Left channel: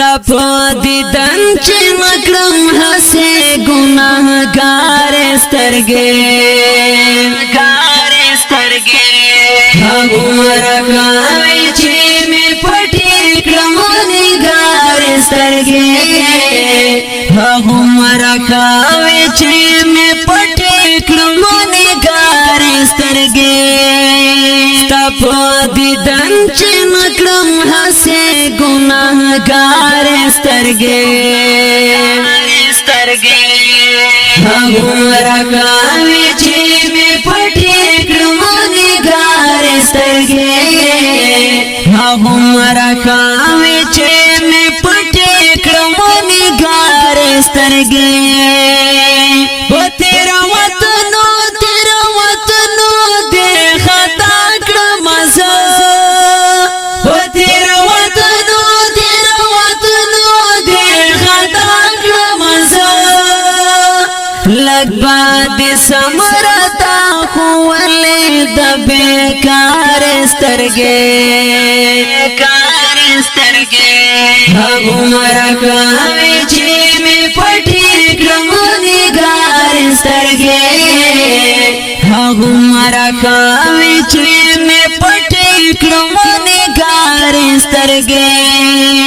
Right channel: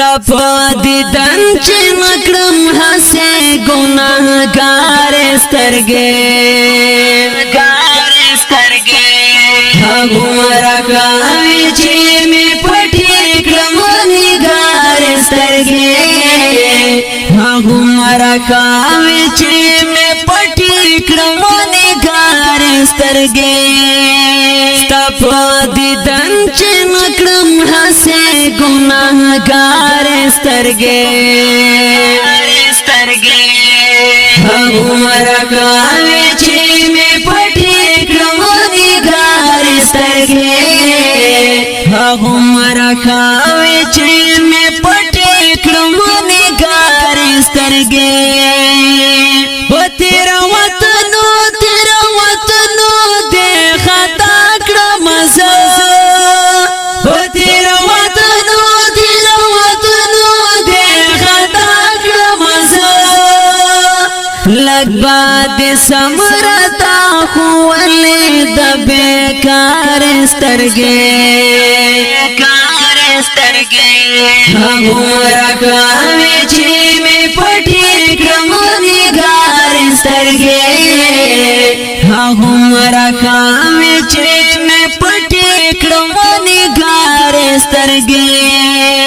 په دیدن چې نکړم هسې ګناهګار سترګې هغومره کوي چې مې پټې کړم نګار سترګې هغومره کوي چې مې پټې کړم نګار سترګې ستا په دیدن چې نکړم هسې ګناهګار سترګې هغومره کوي چې مې پټې کړم نګار سترګې هغومره کوي چې مې پټې کړم نګار سترګې په تیرو وطنو دې خطا کړم زه په تیرو وطنو دې خطا کړم زه لږ بعد سمرتا خو ولې د بیکار سترګې هغومره کوي چې مې پټې کړم نګار سترګې هغومره کوي چې مې پټې کړم نګار سترګې